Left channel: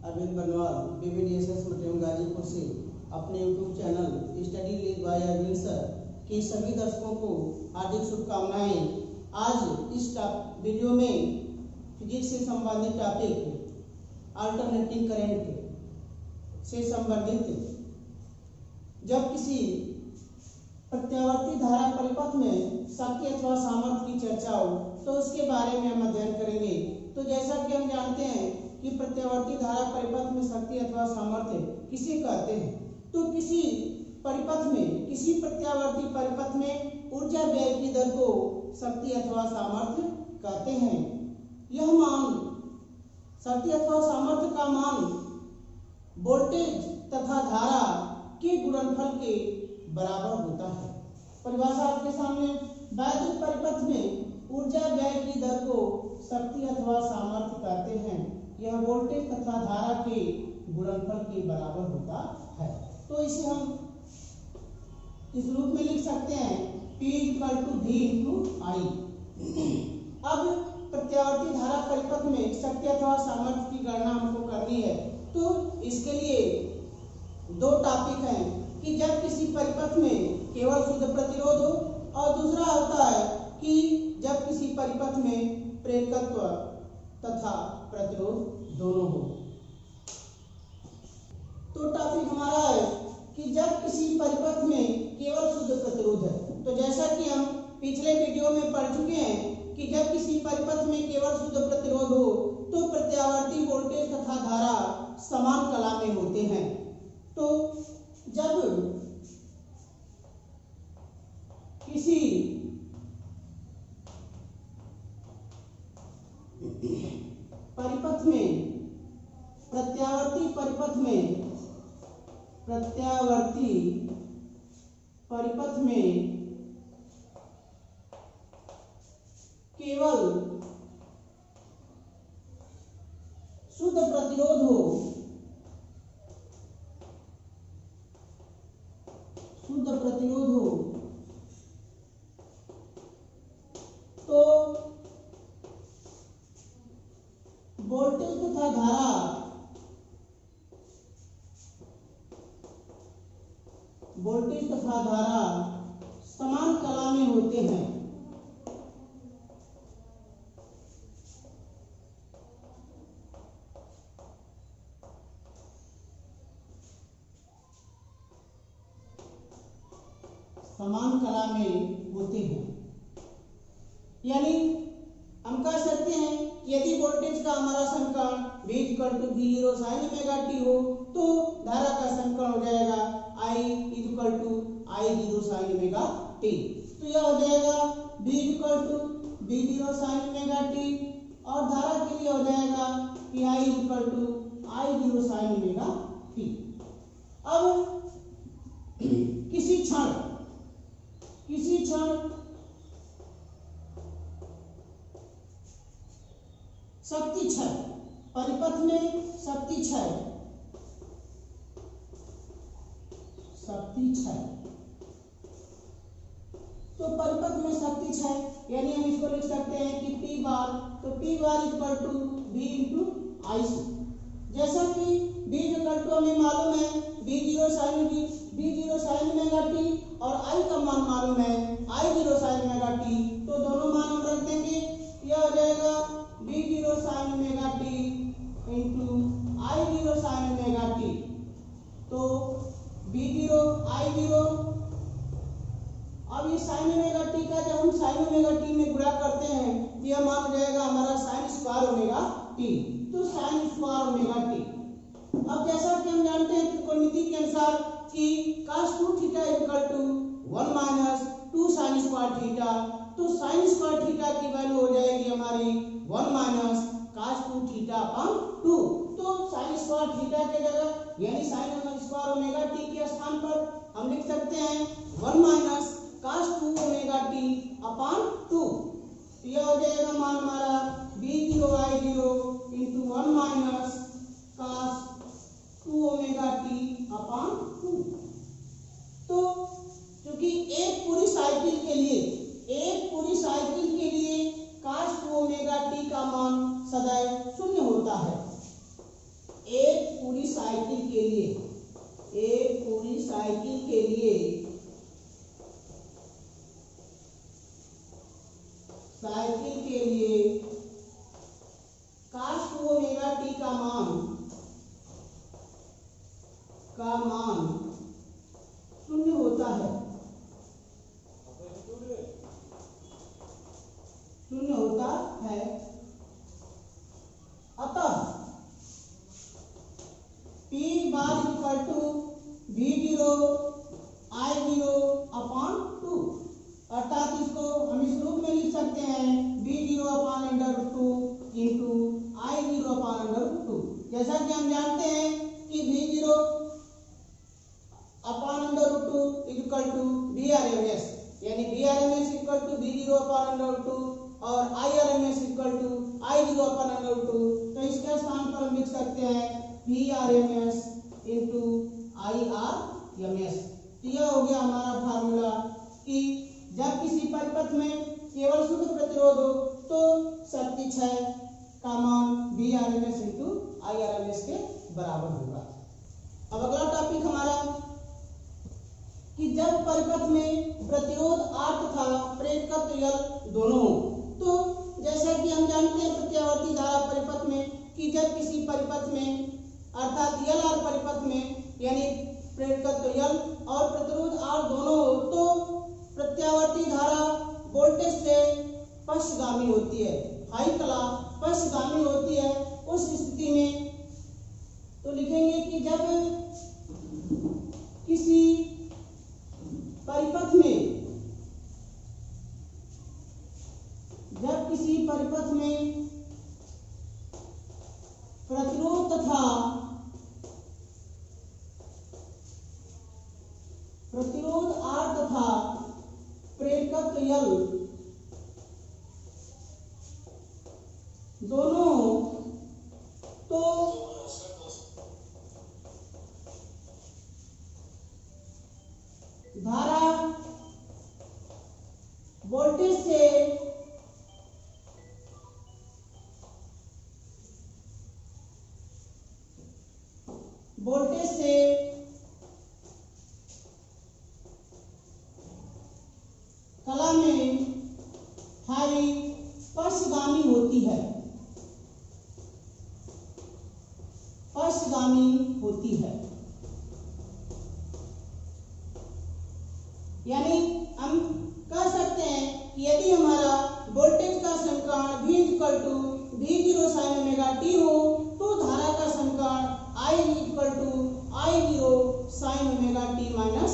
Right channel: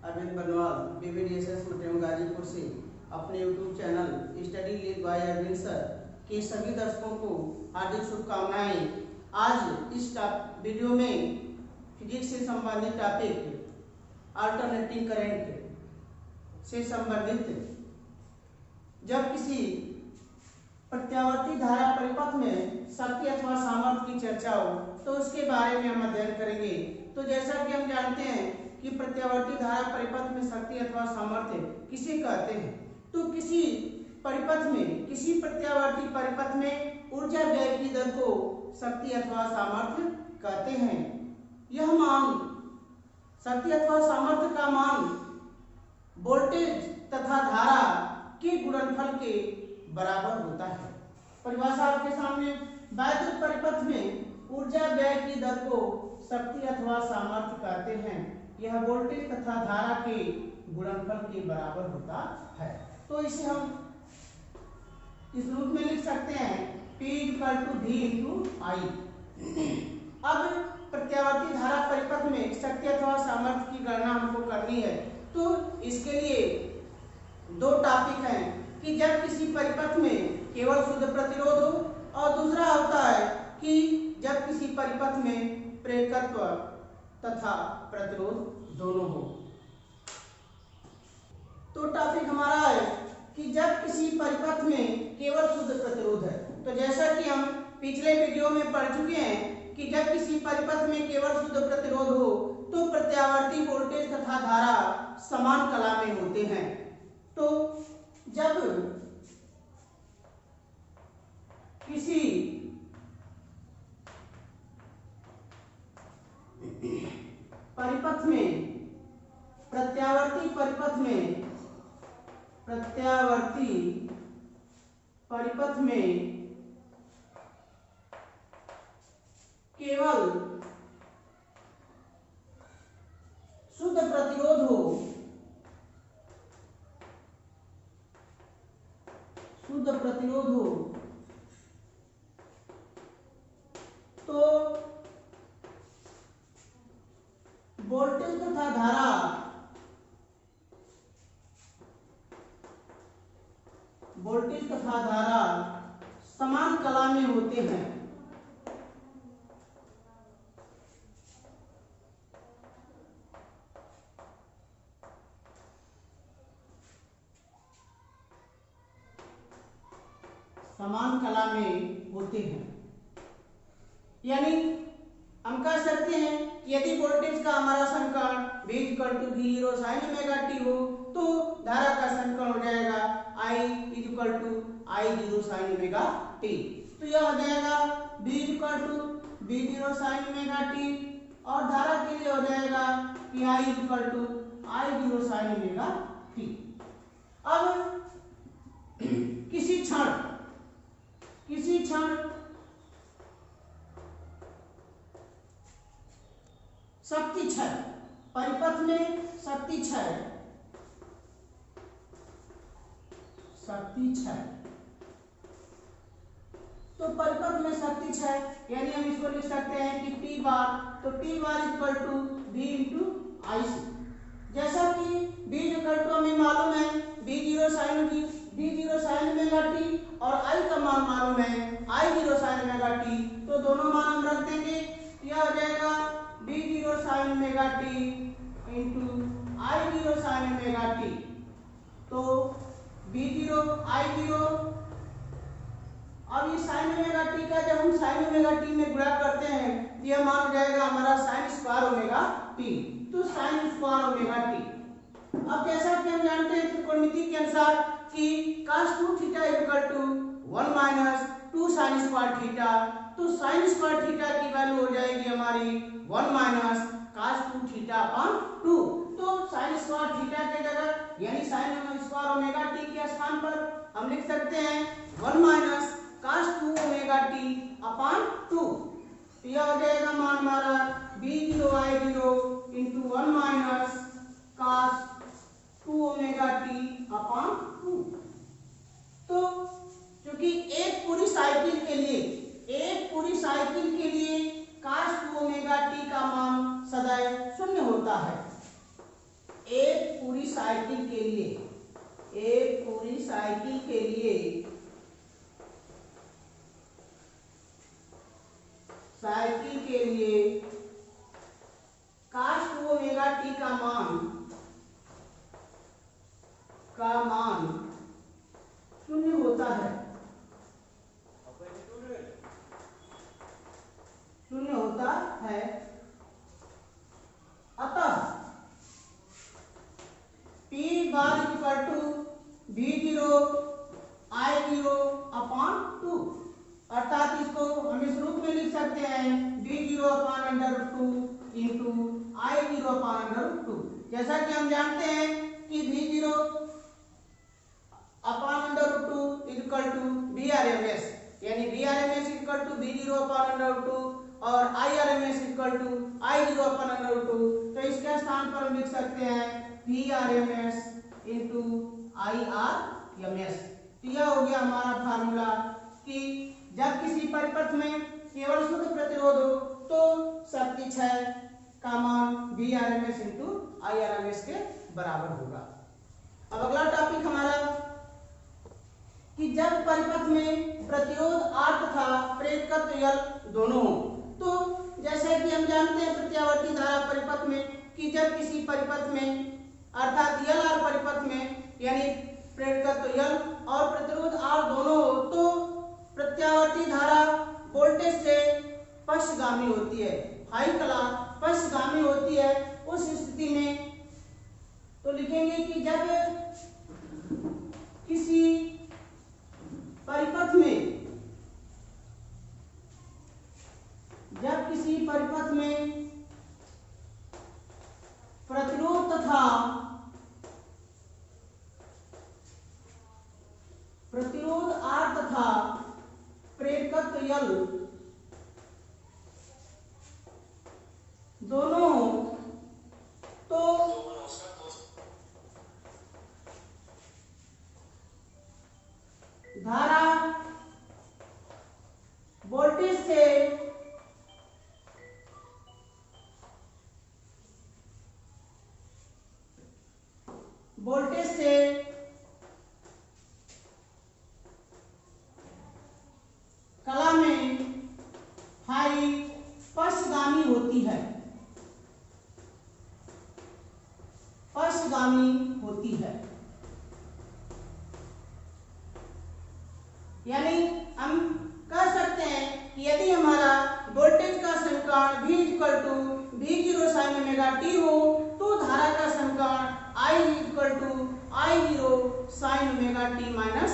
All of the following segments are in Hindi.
अरविंद बनवाल BBDSS मटेरियल गाजीपुर से अपने YouTube channel study lead by Arvind sir के सभी दर्शकों को हार्दिक शुभकामनाएं। आज इस वीडियो में फिजिक्स से संबंधित टॉपिक अल्टरनेटिंग करंट से संबंधित जब किसी प्रत्यावर्ती धारा परिपथ में शक्ति अथवा सामर्थ्य की चर्चा हो तो उसके बारे में हम अध्ययन करेंगे। तो जैसा कि हम जानते हैं कि प्रत्यावर्ती धारा परिपथ में शक्ति अथवा सामर्थ्य किसे कहते हैं, तो किसी परिपथ में, किसी प्रत्यावर्ती परिपथ में ऊर्जा व्यय की दर को शक्ति अथवा सामर्थ्य कहते हैं। यह मान, शक्ति अथवा सामर्थ्य का मान वोल्टेज तथा धारा के गुणनफल के बराबर होता है। परिभाषा आपके सामने, वैद्युत परिपथ में ऊर्जा व्यय की दर को शक्ति अथवा सामर्थ्य कहते हैं। यह वोल्टेज तथा धारा के गुणनफल के बराबर होता है। तो इसे हम इस रूप में लिख सकते हैं P = V × I। अब प्रत्यावर्ती धारा परिपथ में शक्ति अथवा सामर्थ्य की गणना हमको करनी है, तो इसके लिए दो टॉपिक हैं कि जब किसी परिपथ में केवल शुद्ध प्रतिरोध हो और दूसरा होता है कि जब किसी परिपथ में प्रेरकत्व तथा प्रतिरोध दोनों हो। तो टॉपिक हमारा है कि जब किसी परिपथ में केवल शुद्ध प्रतिरोध है, तो जैसा कि हम पिछले वीडियो में पढ़ चुके हैं कि जब किसी परिपथ में केवल शुद्ध प्रतिरोध हो तो प्रत्यावर्ती वोल्टेज तथा धारा समान कला में होते हैं। तो जब किसी परिपथ में, प्रत्यावर्ती परिपथ में केवल शुद्ध प्रतिरोध हो, तो वोल्टेज तथा धारा समान कला में होते हैं। यानी हम कह सकते हैं कि यदि वोल्टेज का हमारा समीकरण V = V0 sin ωt हो तो धारा का समीकरण हो जाएगा I = I0 sin ωt। तो यह हो जाएगा V = V0 sin ωt और धारा के लिए हो जाएगा कि I = I0 sin ωt। अब किसी क्षण शक्ति क्षय, परिपथ में शक्ति क्षय, तो परिपथ में शक्ति क्षय यानी हम इसको लिख सकते हैं कि P बार, तो P बार = V × I। जैसा कि V = हमें मालूम है V0 sin ωt और I का मान मालूम है I0 sin ωt, तो दोनों मान हम रख देंगे। यह हो जाएगा V0 sin ωt × I0 sin ωt। तो V0 I0, अब ये sin ωt का जब हम sin ωt में गुणा करते हैं तो यह मान हो जाएगा हमारा sin² ωt, तो sin² ωt। अब जैसा कि हम जानते हैं त्रिकोणमिति के अनुसार कि cos2 θ = 1 - 2 sin² θ, तो sin² θ की वैल्यू हो जाएगी हमारी 1 - cos2 θ/2। तो sin² θ के जगह यानी sin² ωt के स्थान पर हम लिख सकते हैं 1 - cos2 ωt/2। यह हो जाएगा मान हमारा V0 I0 × 1 - cos2 ωt/2। तो क्योंकि एक पूरी साइकिल के लिए cos2 ωt का मान सदैव 0 होता है। एक साइकिल के लिए cos 2 ओमेगा टी का मान 0 होता है, 0 होता है। अतः P bar equal to V0 I0 upon 2, अर्थात इसको हम इस रूप में लिख सकते हैं V0 upon √2 into I0 upon √2। जैसा कि हम जानते हैं कि V0 upon √2 equal to VRMS, यानी VRMS equal to V0 upon √2 और IRMS equal to I0 upon √2। तो इसके स्थान पर हम लिख सकते हैं VRMS इंटू IRMS। तो यह हो गया हमारा फार्मूला कि जब किसी परिपथ में केवल शुद्ध प्रतिरोध हो तो शक्ति क्षय का मान VRMS इंटू IRMS के बराबर होगा। अब अगला टॉपिक हमारा कि जब परिपथ में प्रतिरोध R तथा प्रेरकत्व L दोनों हो, तो जैसा कि हम जानते हैं प्रत्यावर्ती धारा परिपथ में कि जब किसी परिपथ में अर्थात LR परिपथ में यानी प्रेरकत्व L और प्रतिरोध R दोनों हो तो प्रत्यावर्ती धारा वोल्टेज से पक्षगामी होती है, हाई कला पक्षगामी होती है। उस स्थिति में तो लिखेंगे कि जब किसी परिपथ में प्रतिरोध R तथा प्रेरकत्व L दोनों तो धारा वोल्टेज से कला में हाई पक्षगामी होती है, यानी हम कह सकते हैं कि यदि हमारा वोल्टेज का समीकरण V equal to V0 sine omega t हो तो धारा का समीकरण I equal to I0 sine omega t minus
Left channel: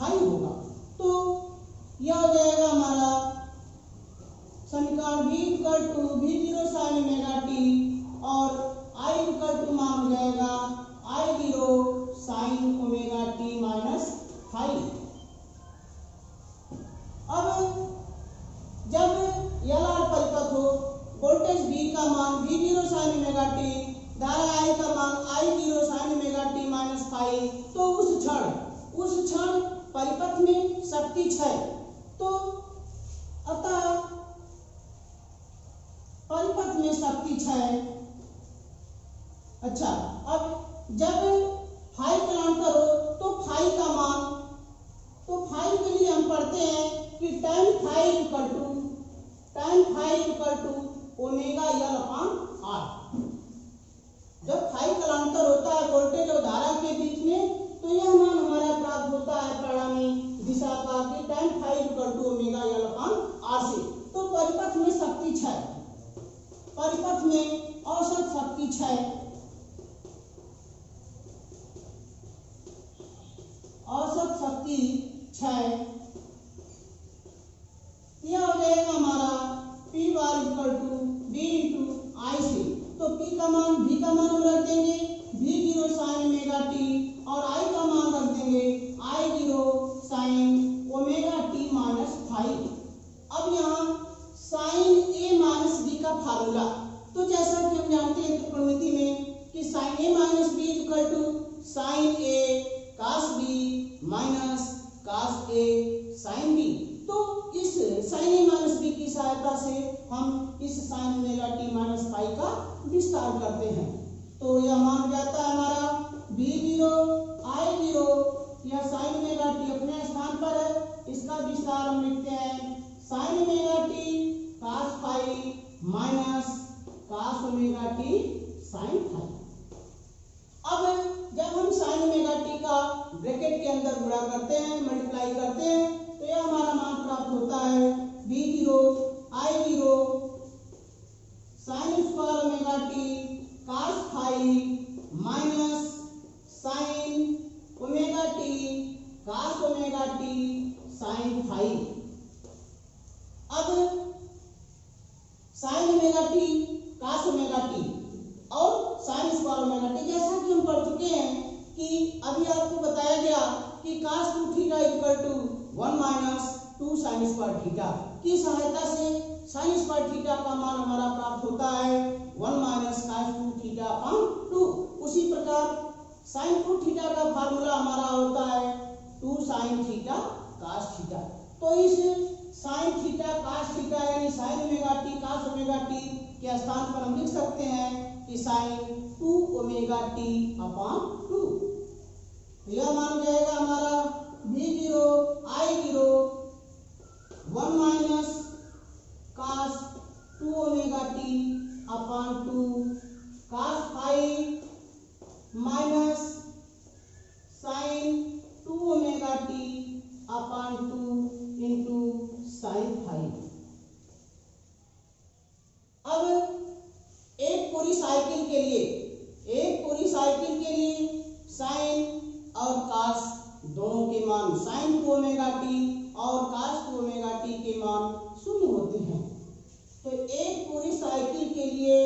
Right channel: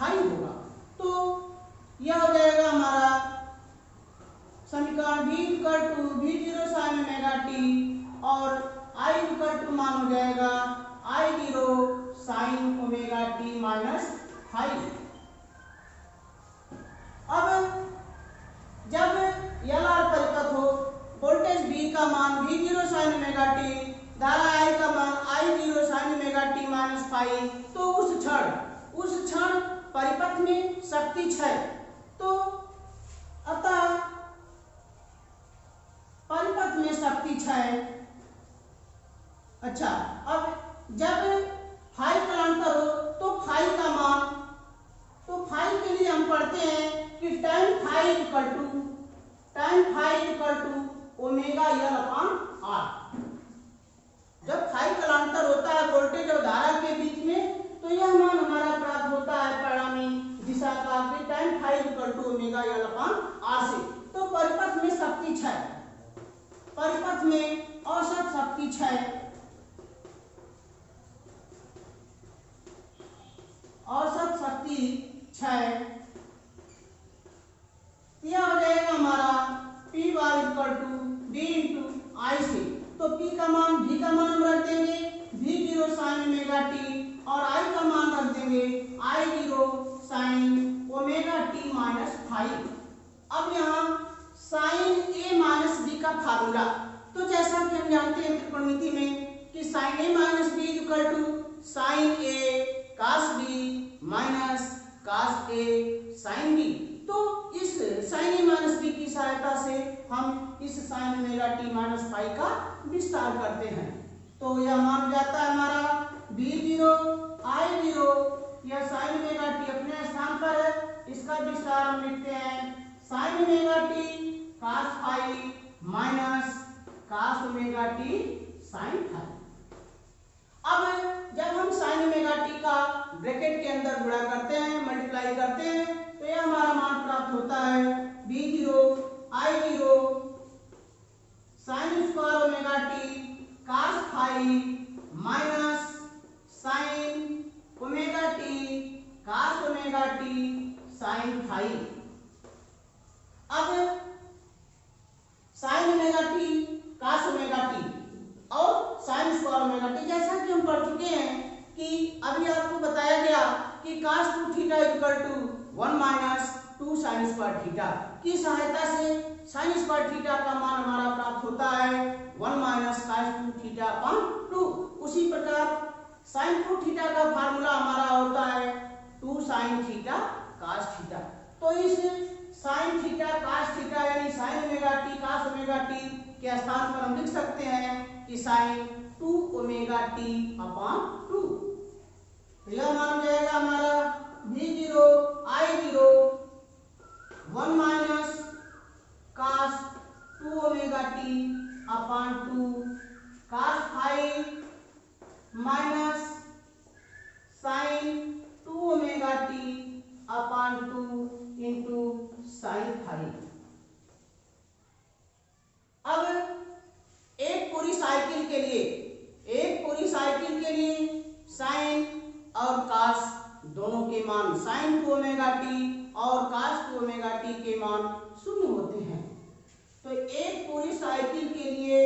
हाई होगा। तो यह हो जाएगा हमारा समीकरण V equal to V0 sine omega t और I इक्वल टू मान हो जाएगा I0 sine omega t minus हाई। अब जब LR परिपथ हो, वोल्टेज V का मान V0 साइन ओमेगा टी, धारा I का मान I0 sine omega t minus phi, तो उस क्षण परिपथ में शक्ति क्षय। तो अतः परिपथ में शक्ति क्षय। अच्छा, अब जब फाई कलांतर हो तो फाई का मान, तो फाई के लिए हम पढ़ते हैं कि tan phi equal to omega L upon R। जब फाई कलांतर होता है वोल्टेज और धारा के बीच में तो यह मान हमारा प्राप्त होता है परिणामी दिशा का कि tan phi equal to omega L upon R से। तो परिपथ में शक्ति क्षय, परिपथ में औसत शक्ति क्षय, यह हो जाएगा हमारा P bar equal to V into I से। तो P का मान V का मान हम रख देंगे V0 साइन ओमेगा टी और I का मान रख देंगे I0 sine omega t minus phi. अब यहाँ साइन A माइनस B का फार्मूला, तो जैसा कि हम जानते हैं त्रिकोणमिति में कि sine A minus B equal to sine A cos B minus cos A sine B। तो इस साइन A माइनस B की सहायता से हम इस sine omega t minus phi का विस्तार करते हैं। तो यह मान जाता है हमारा V0 I0, यह साइन ओमेगा टी अपने स्थान पर है, इसका विस्तार हम लिखते हैं sign omega T cos phi minus cos omega t sin phi। अब जब हम sin ओमेगा t का ब्रैकेट के अंदर गुणा करते हैं, मल्टीप्लाई करते हैं, तो यह हमारा मान प्राप्त होता है b0 I0 sin square omega t cos phi minus sin omega t cos omega t sin phi। अब sin omega t cos omega t और sin स्क्वायर ओमेगा t, जैसा कि हम पढ़ चुके हैं कि अभी आपको बताया गया कि cos 2 theta equal to 1 minus 2 sin square theta की सहायता से sin स्क्वायर थीटा का मान हमारा प्राप्त होता है 1 माइनस cos 2 थीटा अपॉन 2। उसी प्रकार sin 2 थीटा का फार्मूला हमारा होता है 2 sin थीटा cos थीटा। तो इस sin थीटा cos थीटा यानी sin omega t cos omega t के स्थान पर हम लिख सकते हैं कि sin 2 ओमेगा t अपॉन 2। यह मान हो जाएगा हमारा v0 I0 1 minus cos 2 omega t upon 2 cos phi minus sin 2 omega t upon 2 into sin phi। अब एक पूरी साइकिल के लिए sin और cos दोनों के मान sin 2 ओमेगा t और cos 2 ओमेगा t के मान शून्य होते हैं। तो एक पूरी साइकिल के लिए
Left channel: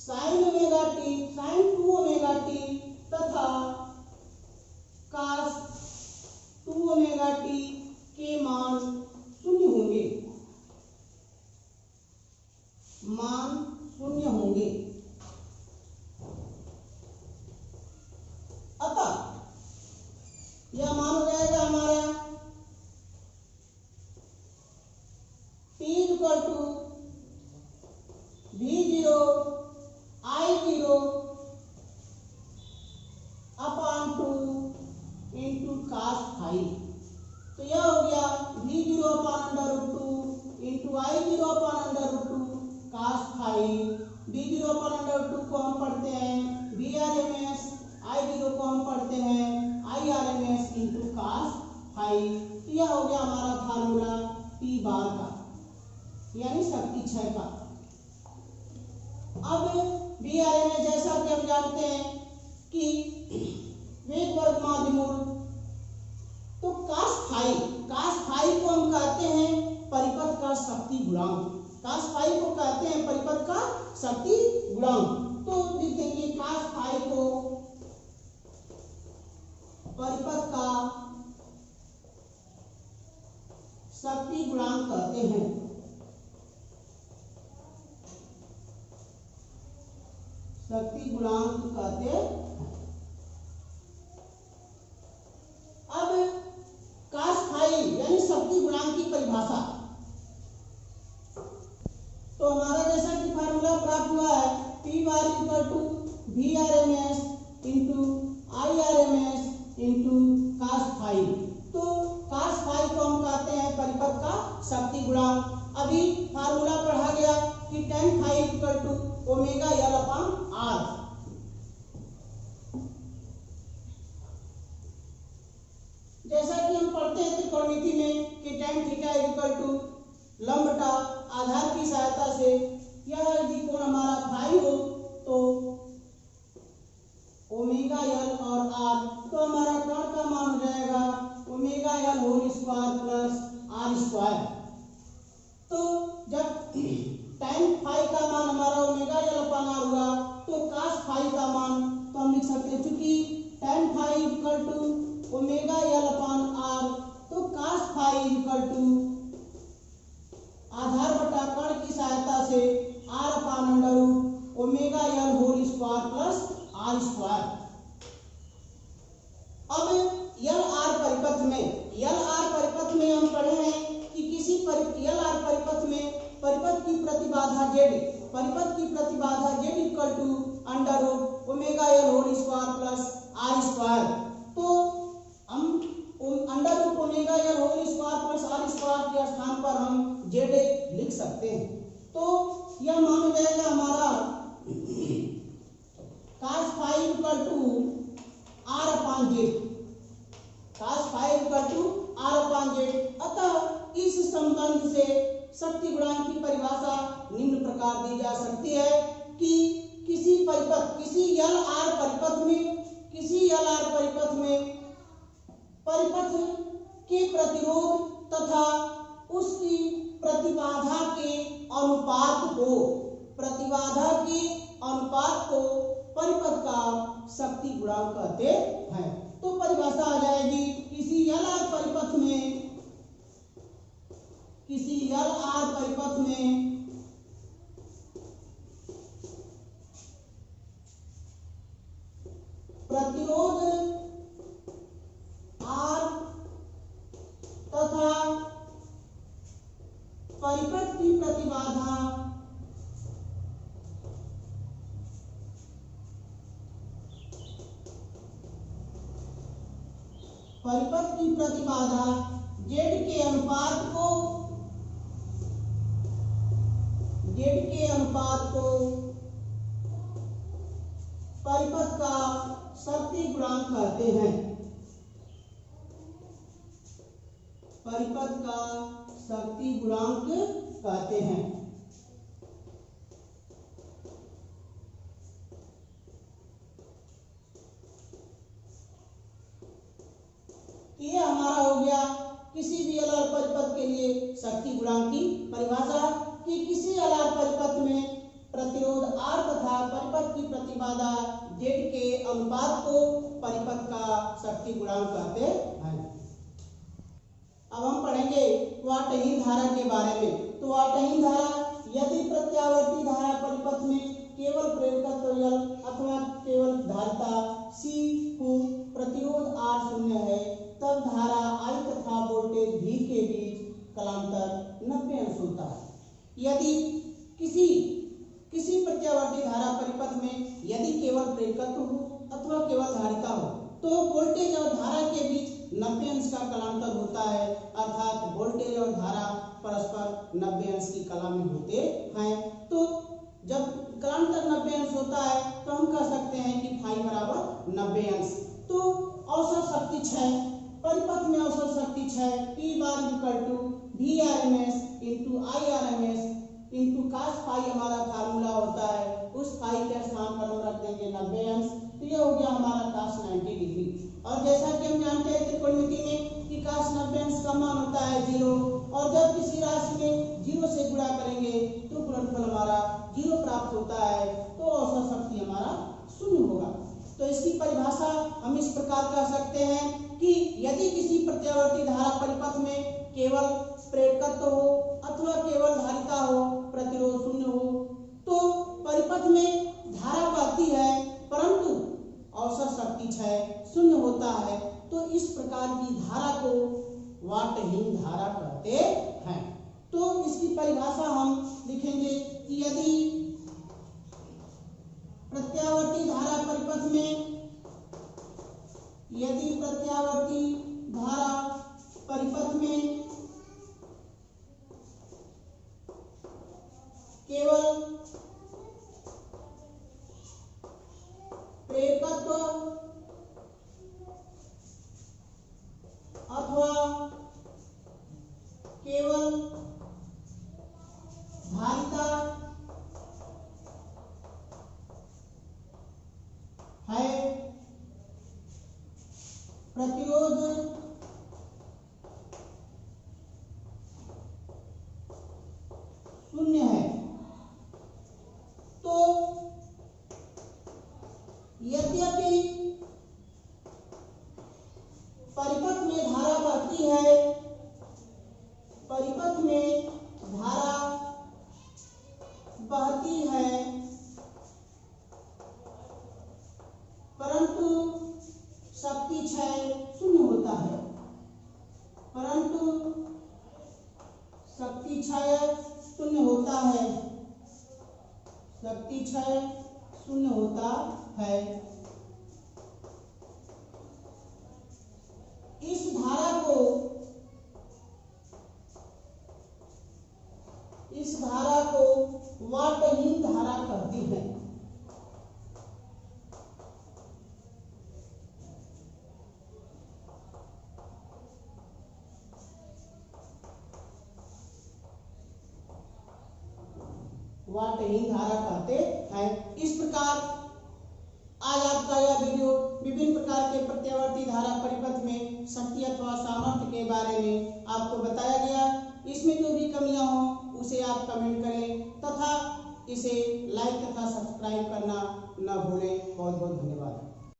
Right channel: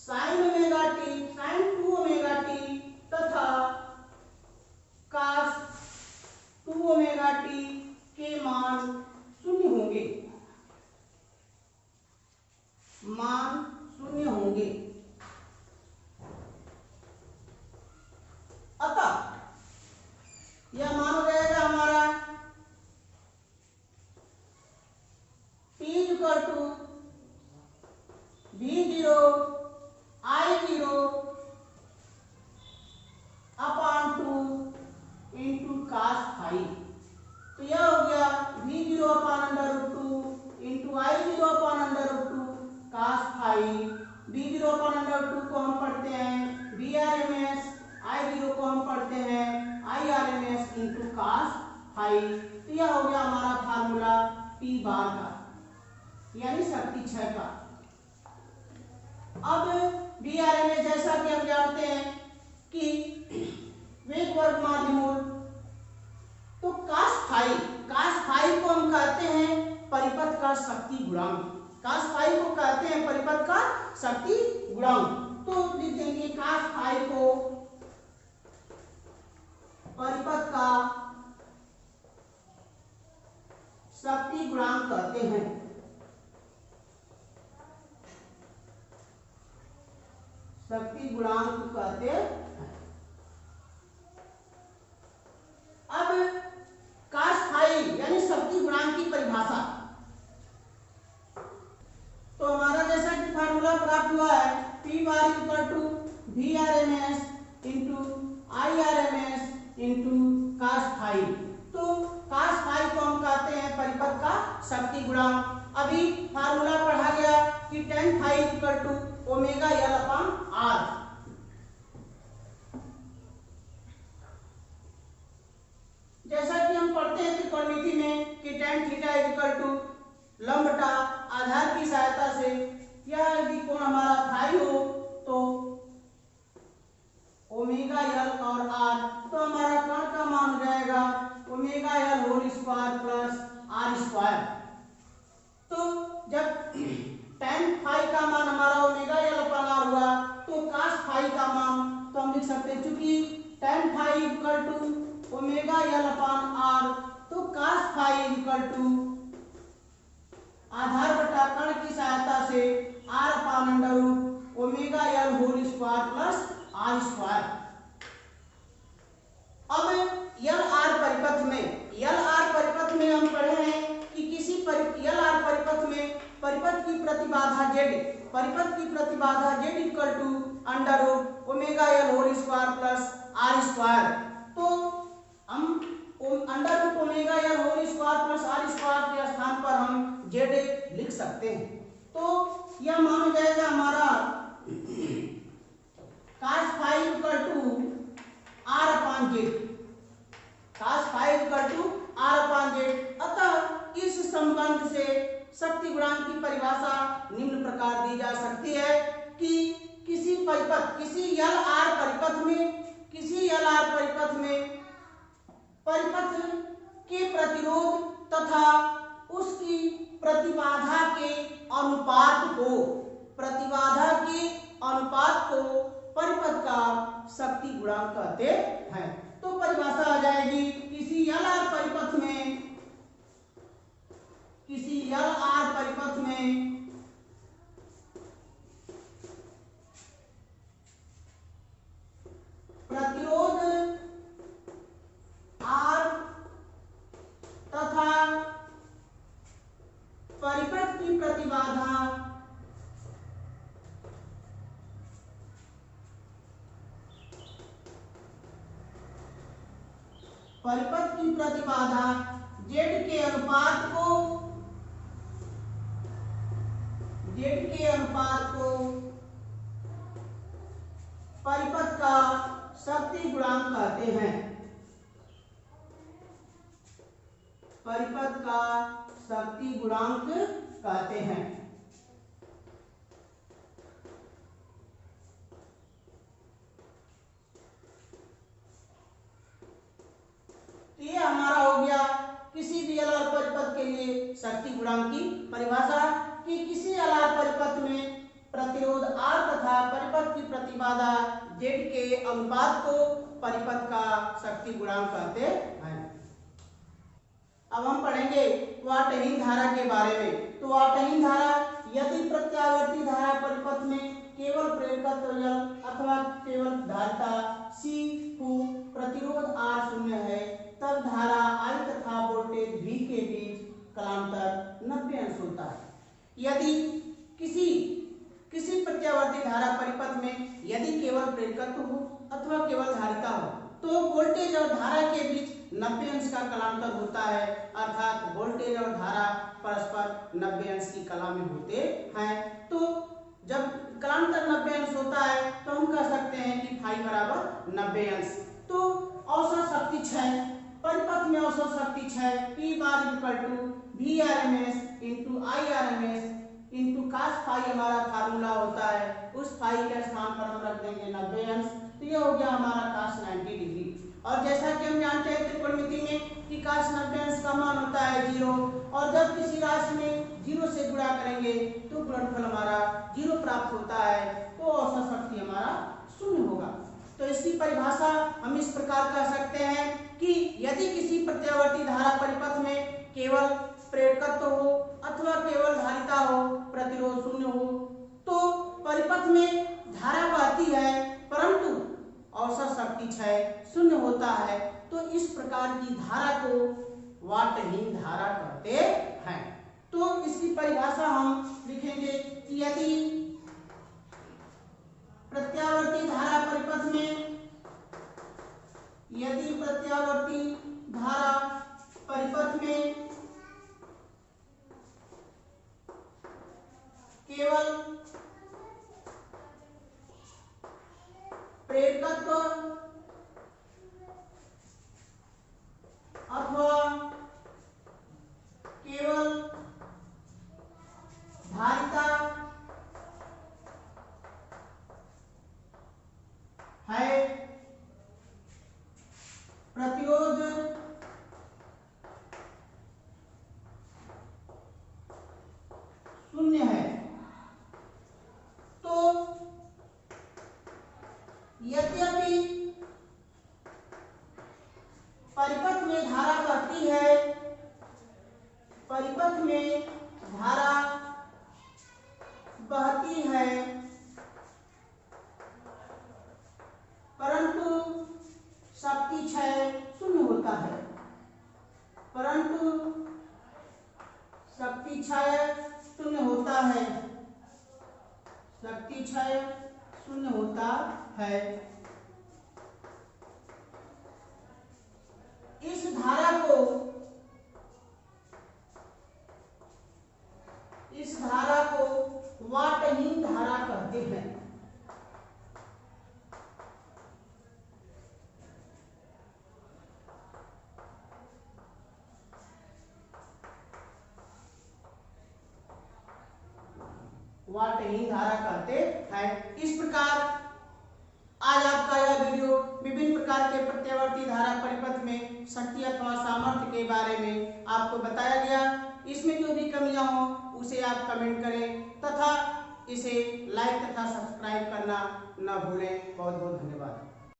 sin omega t sin 2 omega t तथा cos 2 ओमेगा t के मान शून्य होंगे, अतः यह मान हो जाएगा हमारा t equal to v0 I0 upon 2 into cos phi। तो यह हो गया v0 upon under root 2 into I0 upon under root 2 cos phi। v0 upon under root 2 को हम पढ़ते हैं vrms, I0 को हम पढ़ते हैं irms इंटू cos phi। तो यह हो गया हमारा फार्मूला t बार का यानी शक्ति क्षय का। अब vrms जैसा कि हम जानते हैं कि वेग वर्ग माध्य मूल, तो cos phi को हम कहते हैं परिपथ का शक्ति गुणांक। cos phi को कहते हैं परिपथ का शक्ति गुणांक। तो लिख देंगे cos phi को परिपथ का शक्ति गुणांक कहते हैं। शक्ति गुणांक कहते हैं। अब cos phi यानी शक्ति गुणांक की परिभाषा, तो हमारा जैसा कि फार्मूला प्राप्त हुआ है p bar equal to vrms into irms into cos phi। तो cos phi को हम कहते हैं परिपथ का शक्ति गुणांक। अभी फार्मूला पढ़ा गया कि tan phi equal to omega l upon r। जैसा कि हम पढ़ते हैं त्रिकोणमिति में कि tan थीटा इक्वल टू लंब बटा आधार की सहायता से यह यदि कोण हमारा फाई हो तो ओमेगा l और r, तो हमारा कोण का मान हो जाएगा omega l whole square plus r square. तो जब tan फाई का मान हमारा ओमेगा l अपॉन r हुआ तो cos फाई का मान तो हम लिख सकते हैं, चूंकि tan phi equal to omega l upon r, तो cos फाई इक्वल टू आधार बटा कर्ण की सहायता से r upon under root omega l whole square plus r square. अब l r परिपथ में हम पढ़े हैं कि किसी l r परिपथ में परिपथ की प्रतिबाधा z equal to under root square, तो हम अंडर रूट ओमेगा या whole square plus R square के स्थान पर हम जेड लिख सकते हैं। तो यह मान हो जाएगा हमारा cos phi equal to R upon Z, cos phi equal to R upon Z. अतः इस संबंध से शक्ति गुणांक की परिभाषा निम्न प्रकार दी जा सकती है कि किसी परिपथ, किसी एल आर परिपथ में, किसी एल आर परिपथ में परिपथ के प्रतिरोध तथा उसकी प्रतिबाधा के अनुपात को, प्रतिबाधा के अनुपात को परिपथ का शक्ति गुणांक कहते हैं। तो परिभाषा आ जाएगी किसी एल आर परिपथ में, किसी एल आर परिपथ में प्रतिरोध आर तथा परिपथ की प्रतिबाधा जेड के अनुपात को, जेड के अनुपात को परिपथ का शक्ति गुणांक कहते हैं, परिपथ का शक्ति गुणांक कहते हैं। तो ये हमारा हो गया किसी भी एल आर परिपथ के लिए शक्ति गुणांक की परिभाषा कि किसी एल आर परिपथ में प्रतिरोध आर तथा परिपथ की प्रतिबाधा जेड के अनुपात को परिपथ का शक्ति गुणांक कहते हैं। अब हम पढ़ेंगे वाटहीन धारा के बारे में। तो वाटहीन धारा, यदि प्रत्यावर्ती धारा परिपथ में केवल प्रेरकत्व एल अथवा केवल धारिता सी को प्रतिरोध आर शून्य है, तब धारा I तथा वोल्टेज V के बीच कलांतर 90 अंश होता है। यदि किसी प्रत्यावर्ती धारा परिपथ में यदि केवल प्रेरकत्व हो अथवा केवल धारिता हो, तो वोल्टेज और धारा के बीच 90 अंश का कलांतर होता है, अर्थात वोल्टेज और धारा परस्पर 90 अंश की कला में होते हैं। तो जब कलांतर 90 अंश होता है तो हम कह सकते हैं कि फाई बराबर 90 अंश। तो औसत शक्ति क्षय, परिपथ में औसत शक्ति क्षय P bar equal to VRMS into IRMS into cos phi हमारा फार्मूला होता है, उस फाई के स्थान पर हम रख देंगे 90 अंश। तो ये हो गया हमारा cos 90 डिग्री। और जैसा कि हम जानते हैं त्रिकोणमिति में कि cos 90 अंश का मान होता है 0, और जब किसी राशि में 0 से गुणा करेंगे तो गुणनफल हमारा 0 प्राप्त होता है, तो औसत शक्ति हमारा 0 होगा। तो इसकी परिभाषा हम इस प्रकार कह सकते हैं कि यदि किसी प्रत्यावर्ती धारा परिपथ में केवल प्रेरकत्व हो अथवा केवल धारिता हो, प्रतिरोध 0 हो, तो परिपथ में धारा बहती है परंतु औसत शक्ति क्षय 0 होता है। तो इस प्रकार की धारा को वाटहीन धारा कहते हैं। तो इसकी परिभाषा हम लिखेंगे कि यदि प्रत्यावर्ती धारा परिपथ में, यदि प्रत्यावर्ती धारा परिपथ में केवल प्रेरकत्व अथवा केवल धारिता है, प्रतिरोध शून्य है, तो यद्यपि परिपथ में धारा बहती है, परिपथ में धारा बहती है, परंतु शक्ति क्षय 0 होता है, परंतु शक्ति क्षय 0 होता है, शक्ति क्षय 0 होता है। वाल्टहीन धारा कहते हैं। इस प्रकार आज आपका यह वीडियो विभिन्न प्रकार के प्रत्यावर्ती धारा परिपथ में शक्ति अथवा सामर्थ्य के बारे में आपको बताया गया। इसमें जो भी कमियां हो उसे आप कमेंट करें तथा इसे लाइक तथा सब्सक्राइब करना न भूलें। बहुत बहुत धन्यवाद।